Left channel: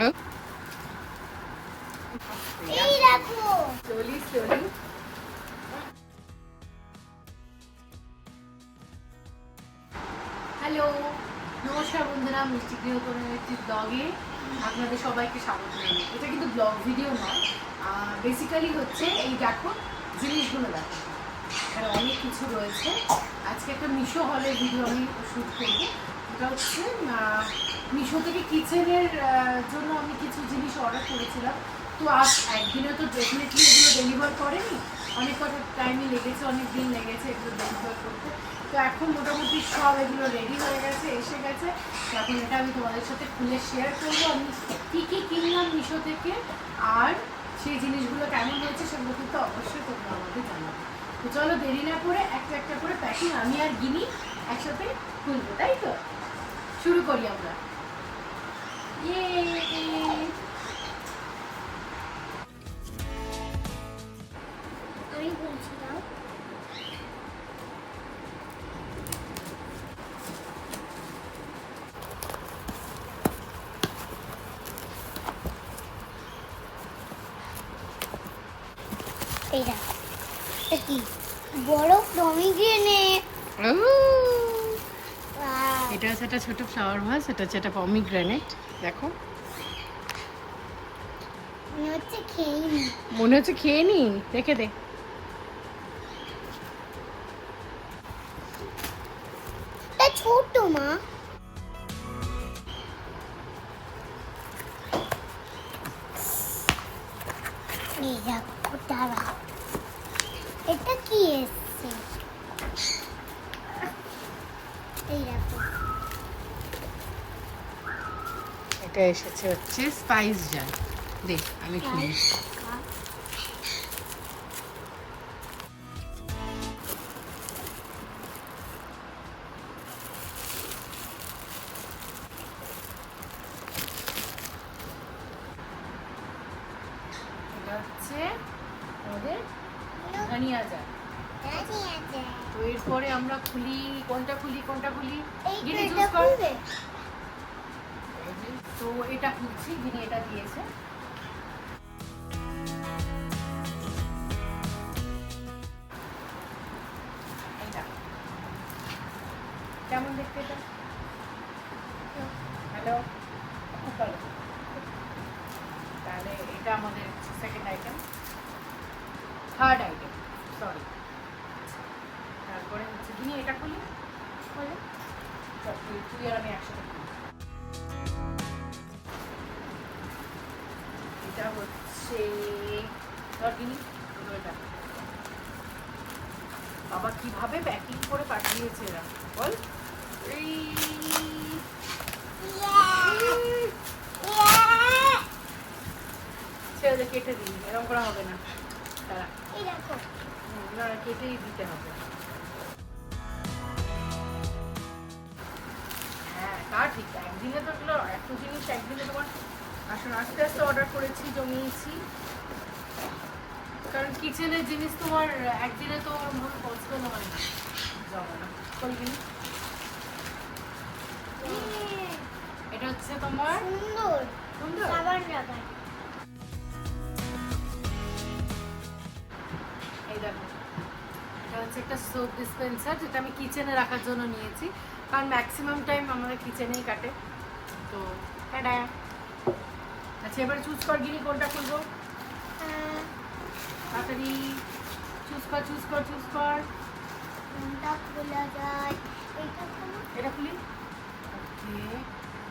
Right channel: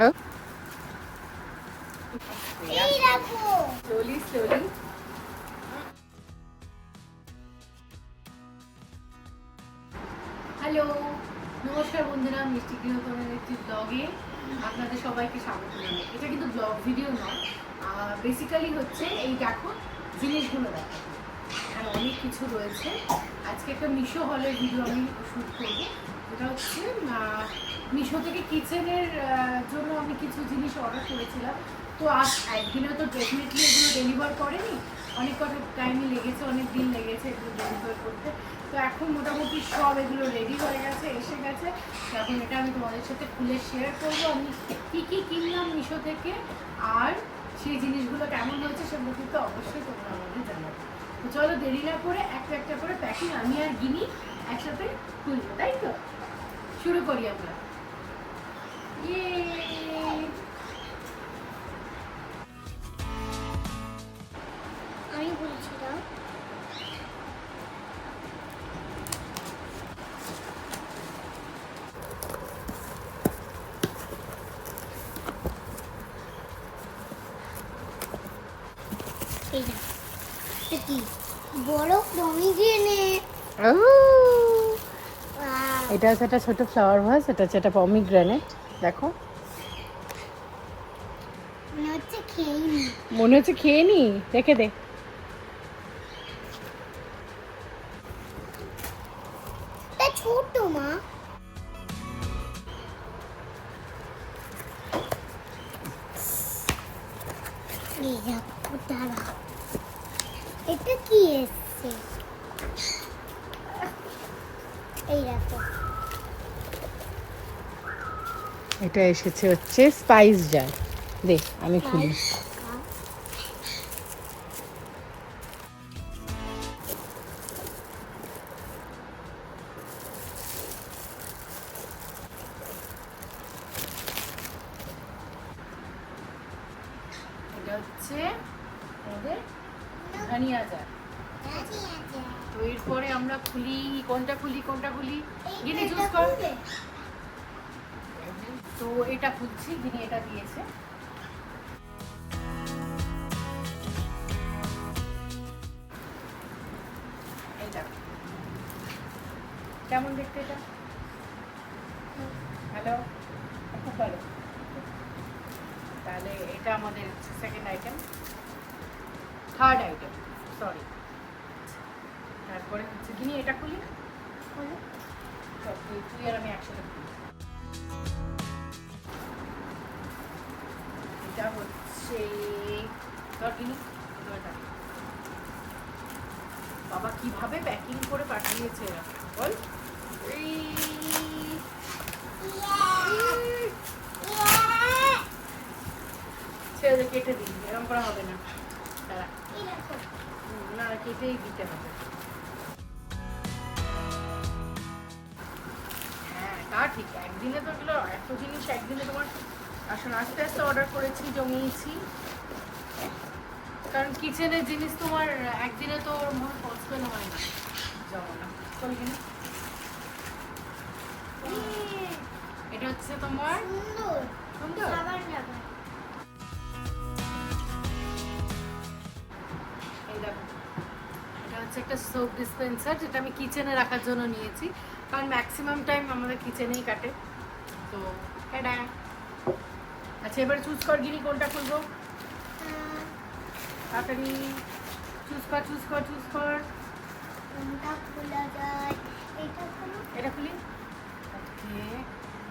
এই রাখো slowly slowly. Hello, নমস্কার বন্ধুরা, মিষ্টি গৃহকোণের একটি ব্লগে আপনাদের সবাইকে স্বাগত জানাই। এটা কিন্তু ব্লগ ভিডিও নয়, বেসিক্যালি হচ্ছে এই দেখো জিনিসগুলো দেখো, এখানে অনেক কিছু রয়েছে। আজকে একটা মিশো হলের ভিডিও আমি শ্যুট করবো। এটা হচ্ছে মিশো থেকে কিচেনের জন্য আমি কিছু জিনিস অর্ডার করেছিলাম। তো আজ একদিনে তো ডেফিনেটলি এগুলো ডেলিভার করেনি, অনেক কটা টাইমে লেগেছে, অনেক দিন লেগেছে এগুলো ডেলিভার করতে। তো এখন মোটামুটি সব এগুলো রেডি হয়ে গেছে, এসে গেছে। এখন এটা আমি তোমাদের সাথে খুলে শেয়ার করবো আমি কী কী কিনলাম মিশো থেকে, আর সেই জিনিসগুলো কেমন হয়েছে সেগুলো কিন্তু অবশ্যই তোমরা আমাদের জানাবে। তো চলো দেরি না করে একটা একটা করে প্যাকিং আমি আর গিনি একসাথে খুলবো, তাই তো? শুরু করি আমরা। আমি বলছিলাম এই দেখো এটা কি বড় পমিগ্রেনেট। এটা হচ্ছে একটা ছোট ফ্লাওয়ার ভাস, এটা হচ্ছে একটা পমিগ্রেনেট। দেখো মনে হচ্ছে খেয়ে নি। মনে হচ্ছে খেয়ে নি, দেখে দে। এটা ছোট মা। এই দেখো দাঁড়া, এটা কি এসছে? এই দেখো এটা এসেছে হচ্ছে স্পাইস জার। দেখ আমি খুলি। এটা হচ্ছে আমাদের ধনিয়া জার। তো এরপরে আমরা খুলি, কোনটা খুলি কোনটা খুলি? গিনি চুজ কর। তো এটা খুলছি, গিনি এটা দিয়েছে। এই দেখো কেমন দেখতে এটা। হ্যালো, খুব ভালো। তাহলে এটা আমাদের second item, third item, sorry. তারপরে হচ্ছে গিনি এটা খুলি। বলো তুই আর আমি একসাথে খুলি। এটা হচ্ছে ধর গিনি, এটা বাবা কিভাবে প্যাকিং করে পাঠিয়েছে এরা, বল। ছেড়ে কেটে দিই, এরকম করা হবে না, তারা না কেটেই দিতে হবে। হ্যাঁ তা ঠিক, একদিনে তো এগুলো এত জিনিস একদিনে তোমার আসলে আস্তে আস্তে অর্ডার করেছি, জমিয়েছি। কারণ কিচেনের জিনিস তোমার একদিনে তো ওর পসিবল হয় না জমানো। বল কিনা এটা হচ্ছে তোমার সুন্দর সুন্দর খাবার রাখার। এই দেখো এটা হচ্ছে একটা সোপ ডিসপেন্সার, যেটা আমি কিচেনে রাখার জন্য নিয়েছি, কারণ ম্যাক্সিমাম টাইম আমাদের কিচেনেই কাটে। তো এটা আচ্ছা, এবারে চুজ কর গিনি কোনটা খুলবো। তাড়াতাড়ি চুজ কর চুজ কর চুজ কর। কোনটা খোলা যায়? এটা খুলি। ওকে,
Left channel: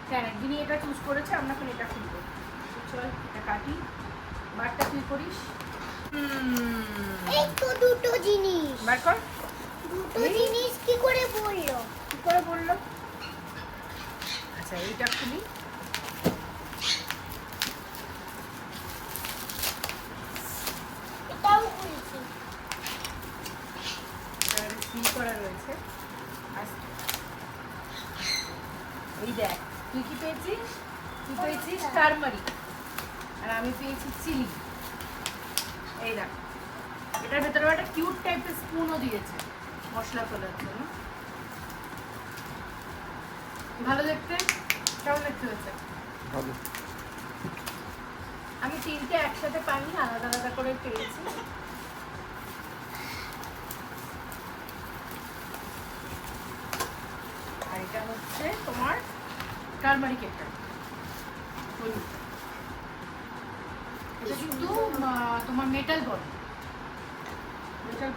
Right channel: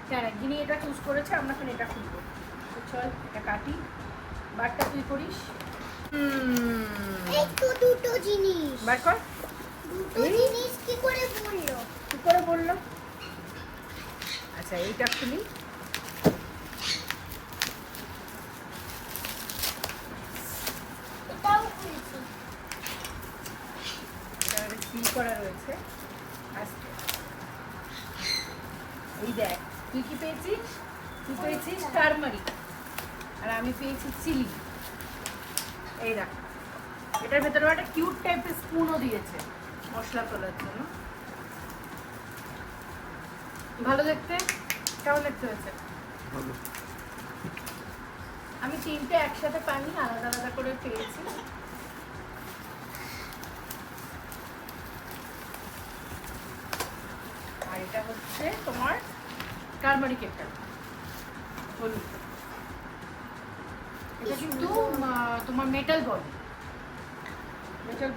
হ্যাঁ গিনি এটা চুজ করেছে, আমরা এখন এটা খুলবো। তো চল এটা কাটি, বারটা তুই করিস। এই তো দুটো জিনিস। বার কর। দুটো জিনিস কি করে বললো? কি করে বললো? আচ্ছা এইটা খুলি। এটাও খুলছি। এটা সিল করা রয়েছে। আজকে এই দেখ, তুই কি পেয়েছিস? তুই পেয়েছিস টারমারিক, আর আমি পেয়েছি চিলি। এই দেখ, এটার ভেতরে একটা কিউট টাইপের স্পুনও দিয়েছে মশলা তোলার জন্য। ভালো দেখতে, কেমন দেখতে হয়েছে? ভালো। আমি তিনটে একসাথে পাইনি, আলাদা আলাদা করে পেয়েছি। আর এটা হচ্ছে তোমার টারমারিক একটা হলুদ। এটা কিন্তু তোমার মেটাল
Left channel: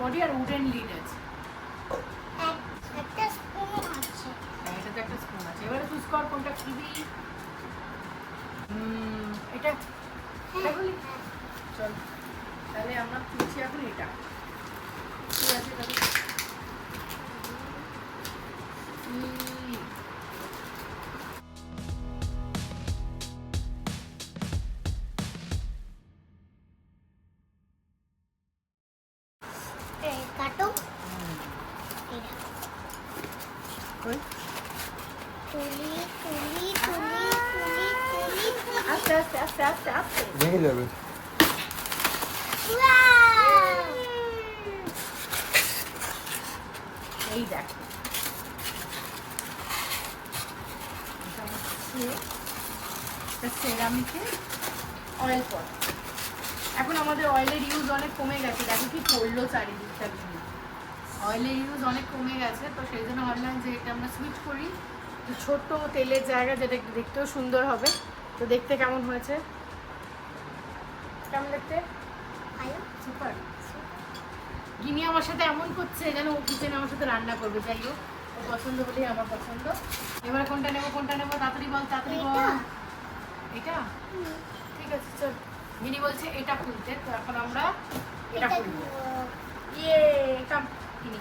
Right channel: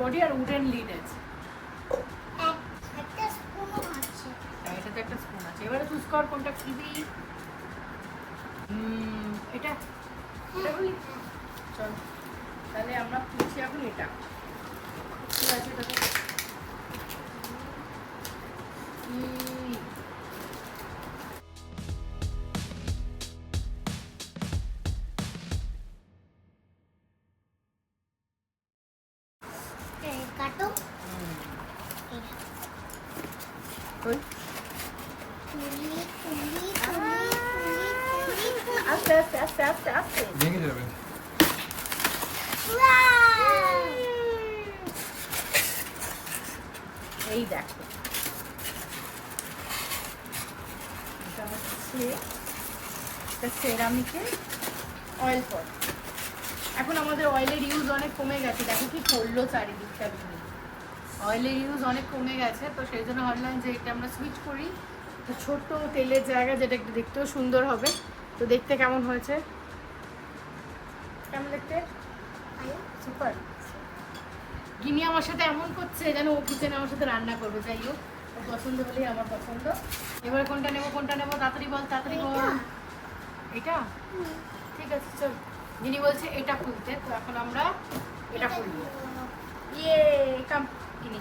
বডি আর উডেন লিড আছে। একটা স্পুনও আছে। হ্যাঁ, এটাতে একটা স্পুন আছে। এবারে চুজ কর কোনটা খুলবি। এটা এটা বলি চল, তাহলে আমরা খুলছি এখন এটা। কি আছে এটাতে? কাটো। কই? তুলি তুলি তুলি তুলি তুলি তুলি। আস্তে আস্তে আস্তে আস্তে আস্তে ভেঙে যাবে। এই দেখো, এটা হচ্ছে সেরামিকের অয়েল পট। এখন আমাদের অয়েলের ইউজ অনেক কমে গেছে, দেখো কি করলো চারিদিকটা। অয়েলের ইউজ অনেক কমে গেছে, তো সেই জন্য ভাবলাম যে এটা আমরা সুইচ করি। তো ছোট তেলের জায়গা, যেটা একটু দেখতেও সুন্দর হবে। তো দেখতে কেমন হয়েছে? কেমন দেখতে? সুপার। গিনি আমার সাথে এমন করছে যেন ও কিচেনে আমার সাথে রান্না করবে। যাই হোক, ওর পছন্দ বলেই আমার পছন্দ। এবার কোনটা নেবো তাড়াতাড়ি বল, তাড়াতাড়ি বল। এটা ঠিক আছে, চল। গিনি বলছে এটা খুলতে, তো এখন আমরা এটা খুলবো। ইয়ে কাম গিনি,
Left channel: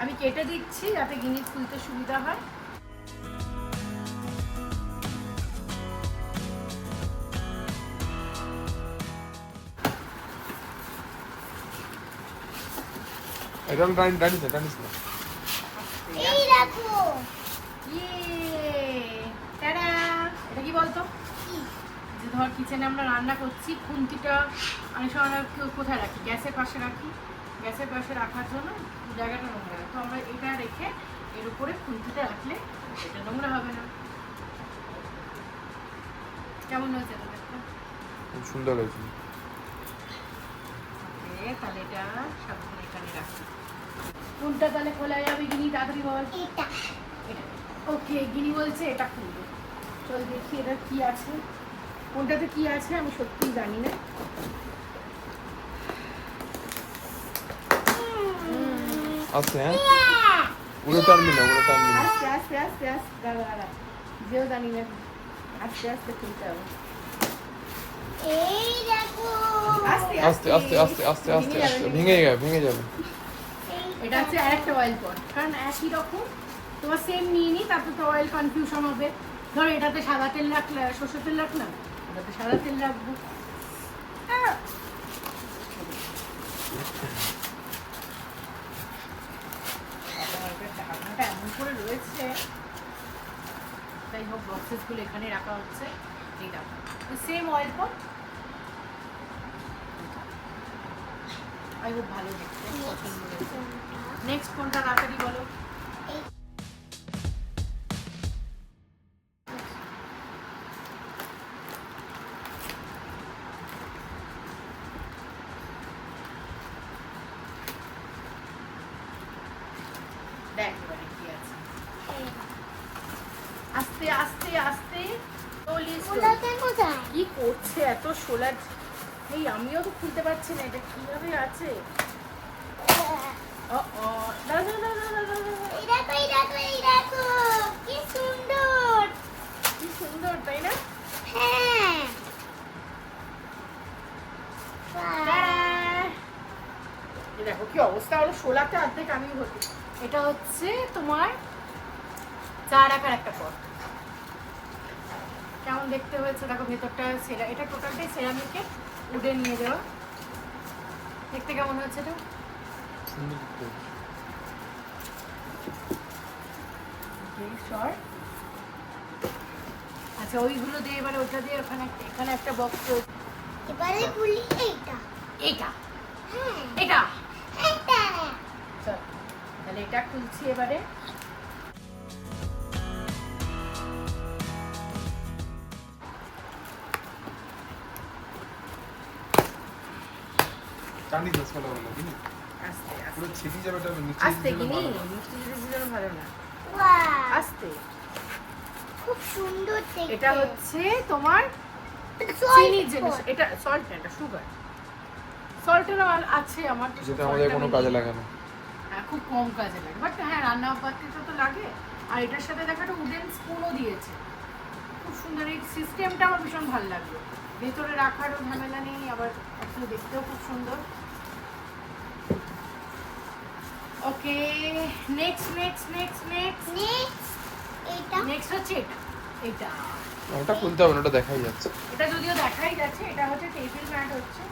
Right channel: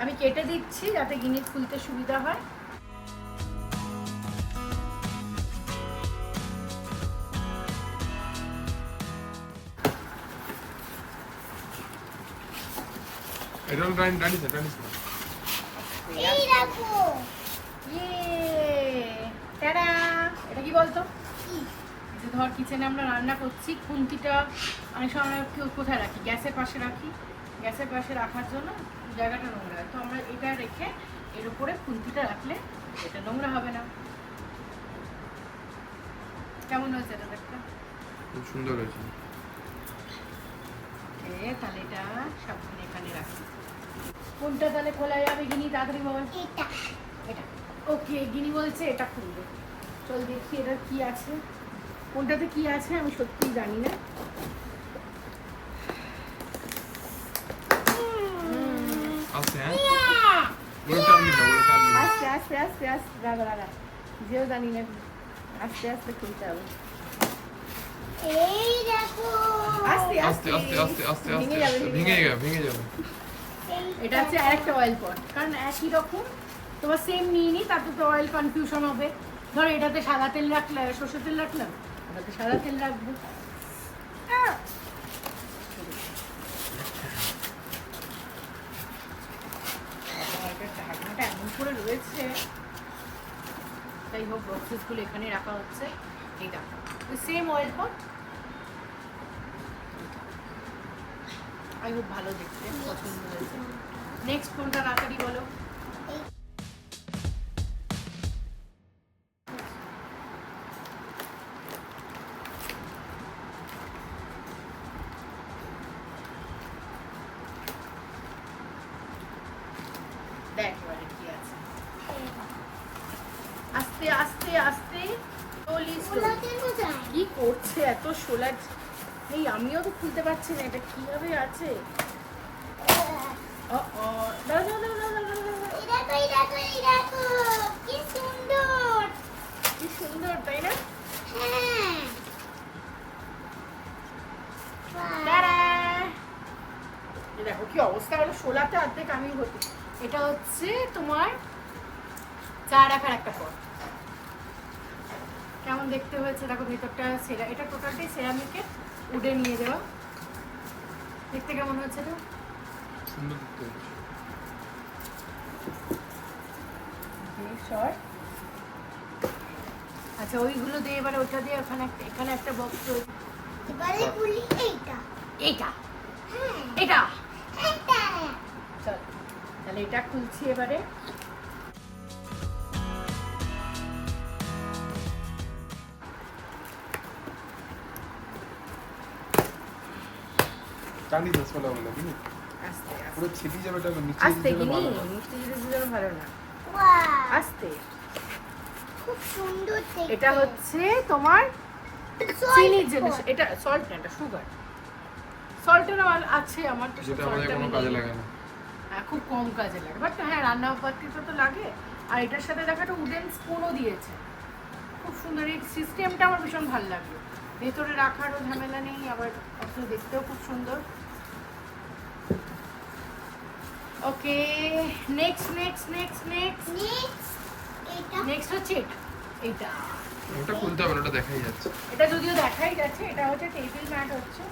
আমি কেটে দিচ্ছি যাতে গিনি খুলতে সুবিধা হয়। এটা টানিস না। এই দেখো। টাটা! এটা কি বলতো? যে ধর কিচেনে আমরা রান্না করছি, খুন্তিটা অনেক সময় আমরা কোথায় রাখি? গ্যাসের পাশে রাখি। গ্যাসের পাশে রাখার জন্য জায়গাটা নোংরা হয়, তো আমরা এটা রেখে এর উপরে খুন্তিটা রাখলে এটা নোংরা হবে না। কেমন হয়েছে এটা দেখতে? খুব সুন্দর হয়েছে। ওকে, তাহলে এটা সাবধানে এখানে রাখি। কোনটা তাহলে খোলা যাবে গিনি? তাড়াতাড়ি বল। এটা এটা। ওকে, গিনি বলছে এটা খুলবে। চল দেখি এটা কি আছে, কোনটাতে কি আছে আমি সত্যিই জানি না। আচ্ছা, হ্যাঁ ওগুলো টানবি না। আস্তে আস্তে আস্তে আস্তে দাঁড়া, যেও জানি না, আস্তে আস্তে খুলতে হবে। এই দেখো। আস্তে আস্তে আস্তে আস্তে আস্তে ভেঙে আস্তে যাবে, ভেঙে যাবে। এটা হচ্ছে আরেকটা অয়েল পট, কারণ একই রকম তোমার সেম নিয়ে নি, তাতে তো অয়েল কনফিউশন হবে। ধরো এটাতে সাদা তেল রাখলাম, সর্ষের তেল রাখলাম, এটাতে সাদা তেল রাখবো। ঢাকনাটা এমন করে রয়েছে। যাই হোক, বক্সেসগুলো এখানে রাখা হচ্ছে। এটা same oil pot. I hope ভালো দেখতে, পছন্দ হয়েছে। নেক্সট কোনটা তাড়াতাড়ি বলো। দেখ এবারে কি আছে। আস্তে আস্তে আস্তে কি করছে এত সোলার? এই আমিও তো খুলতে পারছি না, এটা কিভাবে আছে? কি সুন্দর। কি সুন্দর, তাই না? হ্যাঁ। দেখো কি অবস্থা হলো, সোলাতে অর্ধেক আমি হতি। এটা হচ্ছে তোমার চা রাখার একটা পট। কেমন দেখতে হয়েছে দেখো, ভেতরটা সেরা, এটা টোটালটাই সেরামিকের উডে নিয়ে দেওয়া। দেখতে কেমন হয়েছে এটা? সুন্দর দেখতে। আচ্ছা, ওইগুলো দিয়ে এবারে ওটা দিয়ে এখানে একটা বক্স রয়েছে। এবারে খুলি এইটা। এটা হ্যাঁ এটা এইটা। চল, তাহলে এটা খুলছি এবারে। কানি দস वाला वाला কি না আস্তে আস্তে পুরো ছিটি যাবে এটা নিচে আস্তে দিলে গিনি ভালো না। মিষ্টি জিনিস দিলে ভালো না ওয়াও আস্তে খুব সুন্দর দেখতে এটা হচ্ছে তোমার Salt চিনির জিনিস pot। এটা সল্ট না এটা সুগার সল্টের আছে আমার তো যেটা আমাদের কোনো কাজে লাগে না হ্যাঁ খুব কম কাজে লাগে বাট হ্যাঁ রান্না বাড়িতে তো লাগে আর এটার সাথে দেখা একটা উডেন স্পুনও দিয়েছে খুব সুন্দর এই সিস্টেমটা আমার ভীষণ ভালো লাগলো ভেতরে রাখারও ঝামেলা নেই আবার আসলে দেখতেও খুব সুন্দর okay next next next next next এটা নেক্সট হচ্ছে এটা ওটা খুলতে হবে না ওটা দেখাই যাচ্ছে এটা যদিও দেখাই যাচ্ছে এটা হচ্ছে টেবিল ম্যাট হচ্ছে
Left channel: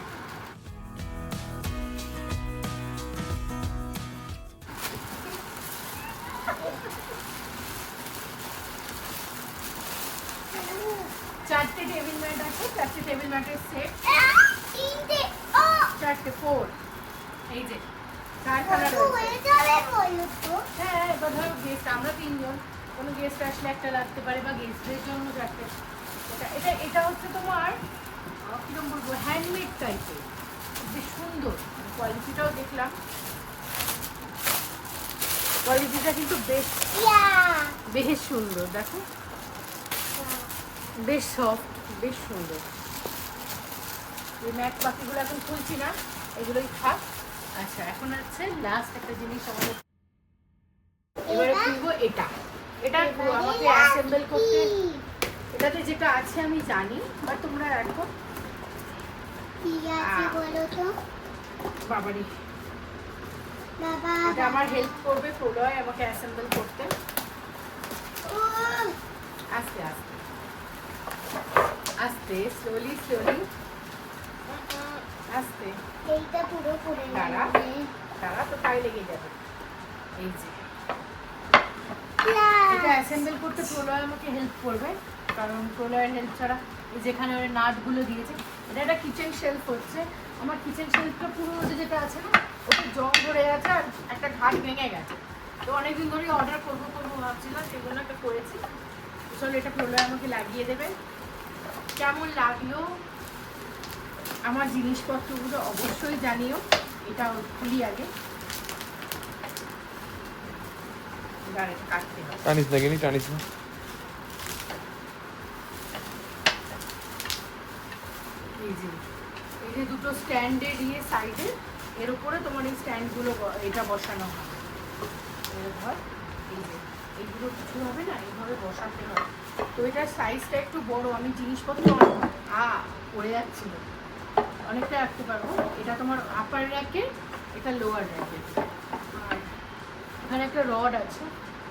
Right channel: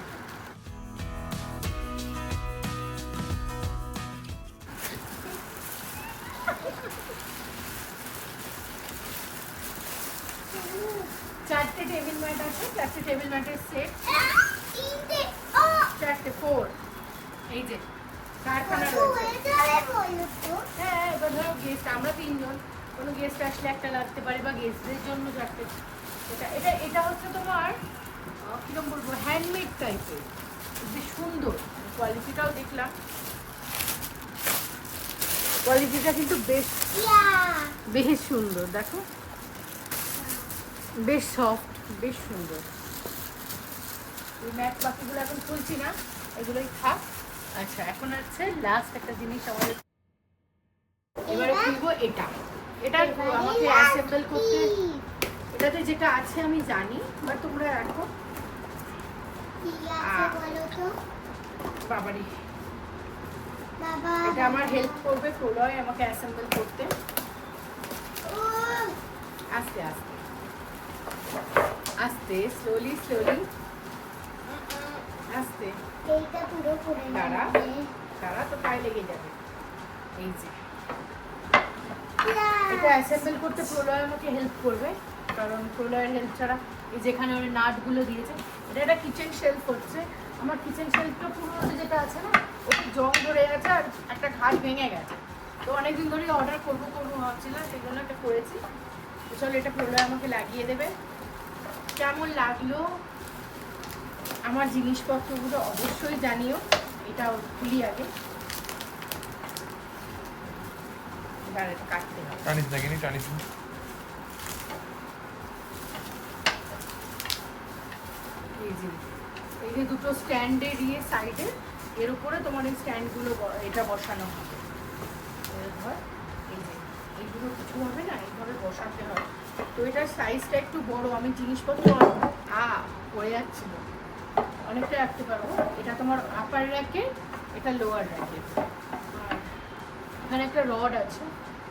চারটে টেবিল ম্যাট আছে চারটে টেবিল ম্যাটের সেট তিনটে চারটে 4 এই যে কারখানা ও রয়েছে এটা বলো তো হ্যাঁ এবার ধরো গেস্ট আমরা তিনজন কোনো গেস্ট আসলে একটা লাগতে পারে বা গেস্টদের জন্য চারটে এটা এটা এটা হচ্ছে তোমার কিরকম বলবো হ্যান্ডমেড টাইপের বেশ সুন্দর কোয়ালিটিটাও দেখলাম কোয়ালিটিটা কিন্তু বেশ ইয়া বেশ সুন্দর দেখো বেশ সফট বেশ সুন্দর ওই ম্যাট বাকিগুলো এখন খুলছি না এগুলোই থাক আচ্ছা এখন হচ্ছে লাস্ট একটা জিনিস আমাদের এবারে খুলবো এটা এটা আমাকে অ্যাসেম্বল করতে এটাতে যেটা আছে আমি জানি বাট তোমরা এখন কি আছে বলো তো বাবারি বাবা এটা আমার হেল্প করবে প্রলয় আমাকে অ্যাসেম্বল করতে ও আস্তে আস্তে আস্তে স্লোলি স্লোলি আস্তে এইটা পুরো করে দাঁড়া। নেবে। তারা তো পায়ে লেগে যাবে এই যে ইয়া এটা অ্যাসেম্বল করতে প্রলয় আমাকে হেল্প করবে কারণ প্রলয়ের হেল্প ছাড়া এই যেখানে ওই নাটগুলো দিয়েছে এটা একটা কিচেন শেলফ হচ্ছে আমার কিচেন শেলফটা পুরোনো যেটা আছে না ওটা জং ধরে আছে আর একটা ঘাট ভেঙে গেছে তো অনেকদিন ধরে অর্ডার করবো ভাবছিলাম সেই জন্য একটা করেছি তো চলো এটা প্রলয় আমাকে লাগিয়ে দেবে কেমন লাগলো আমার জিনিসপত্রগুলো অবশ্যই জানিও এটা খুলি আগে এবার এটা কাটতে হবে টানিস লাগেনি টানিস না এই যে দুটো স্ট্যান্ডে দিয়ে সাইডে এর উপরে তোমার এই স্ট্যান্ডগুলো এটা বসানো হবে এর ধর এই যে এইগুলো কিছু হবে না এইভাবে বসাতে হয় তো এটার সাইজটা একটু বড় আমি জিনিসপত্র পড়ে যাচ্ছিল অনেকটা রাখতে পারবো এটা তোমার আপার র্যাকে এটা লোয়ার র্যাকে আর এখানে একটা রড আছে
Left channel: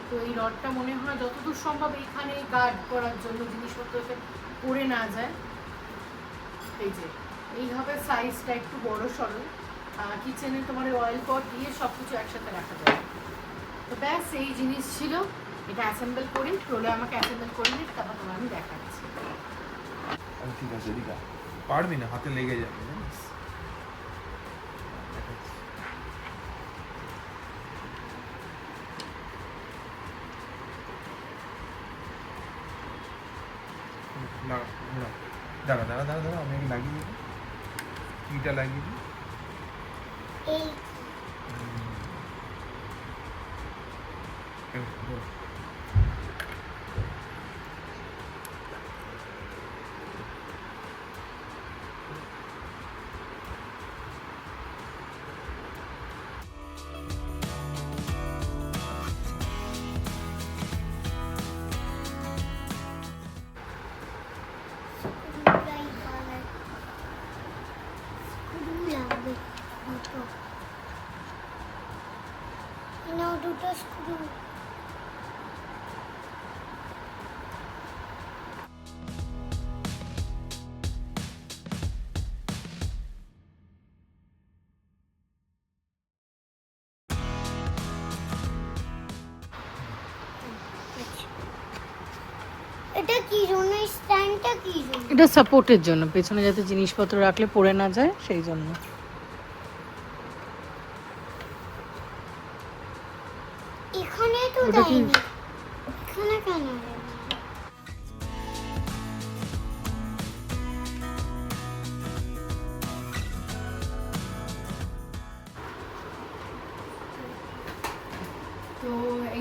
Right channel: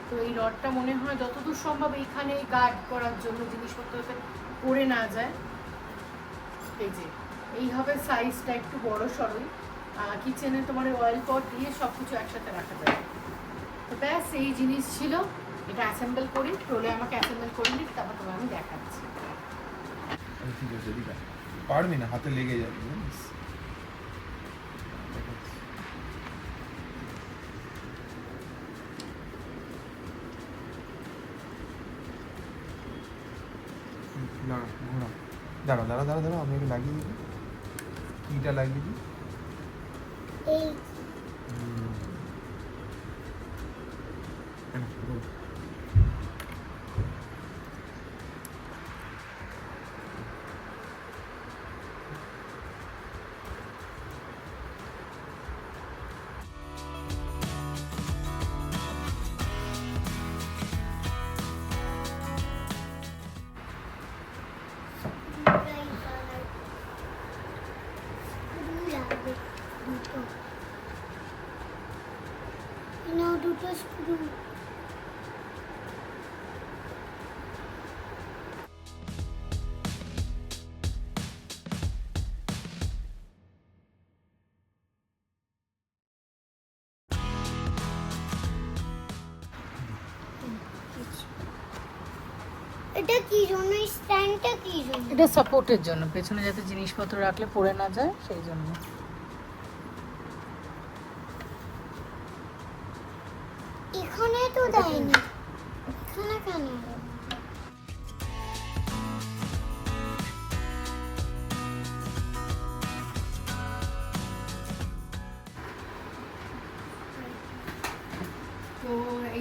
তো এই রডটা মনে হয় যতদূর সম্ভব এইখানে গার্ড করার জন্য জিনিসপত্র যাতে পড়ে না যায় এই যে এইভাবে সাইজটা একটু বড় সরই কিচেনে তোমার অয়েল পট দিয়ে সব কিছু একসাথে রাখা যাবে তো ব্যাস এই জিনিস ছিল এটা অ্যাসেম্বল করি প্রলয় আমাকে অ্যাসেম্বল করে দিই তারপর তোমার আমি দেখাচ্ছি আরে ঠিক আছে দিদা পারবি না হাতে লেগে যাবে জানিস দেখাচ্ছি। না ঘোরা দাঁড়া দাঁড়া দাঁড়া দাঁড়া আমি আগে লাগিয়ে দিই কিটা লাগিয়ে দিই এই এই নে, ধরো। দুটো স্ক্রু এটা কি জন্য স্ট্যান্ডটা কি জন্য এটা সাপোর্টের জন্য পেছনে যাতে জিনিসপত্র রাখলে পড়ে না যায় সেই জন্য এখানে তো দেয়নি এখানে কেন দেয়নি?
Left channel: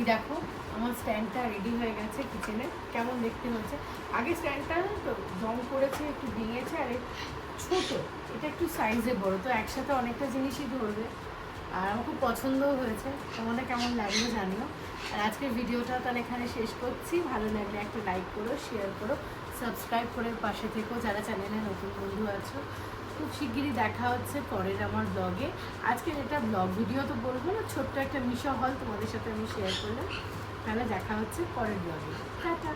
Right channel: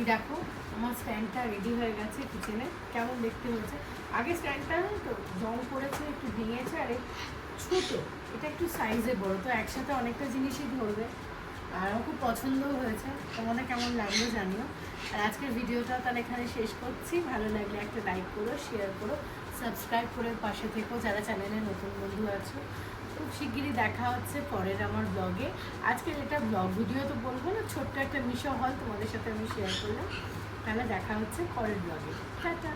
এই দেখো আমার স্ট্যান্ডটা রেডি হয়ে গেছে কিচেনে। কেমন দেখতে হয়েছে, আগে স্ট্যান্ডটা তো জং করেছে, একটু ভেঙেছে, আর ছোট, এটা একটু সাইজে বড়, তো একসাথে অনেকটা জিনিসই ধরবে। আর আমার খুব পছন্দও হয়েছে, তোমাদের কেমন লাগলো জানিও। আর আজকের ভিডিওটা তাহলে এখানে শেষ করছি। ভালো লাগলে একটা লাইক করো, শেয়ার করো, সাবস্ক্রাইব করে পাশে থেকো যারা চ্যানেলে নতুন বন্ধু আছো। খুব শিগগিরই দেখা হচ্ছে পরের আমার ব্লগে। আজকে যেটা ব্লগ ভিডিও তো বলবো না, ছোট্ট একটা মিশো হল তোমাদের সাথে আমি শেয়ার করলাম। তাহলে দেখা হচ্ছে পরের ব্লগে। টাটা।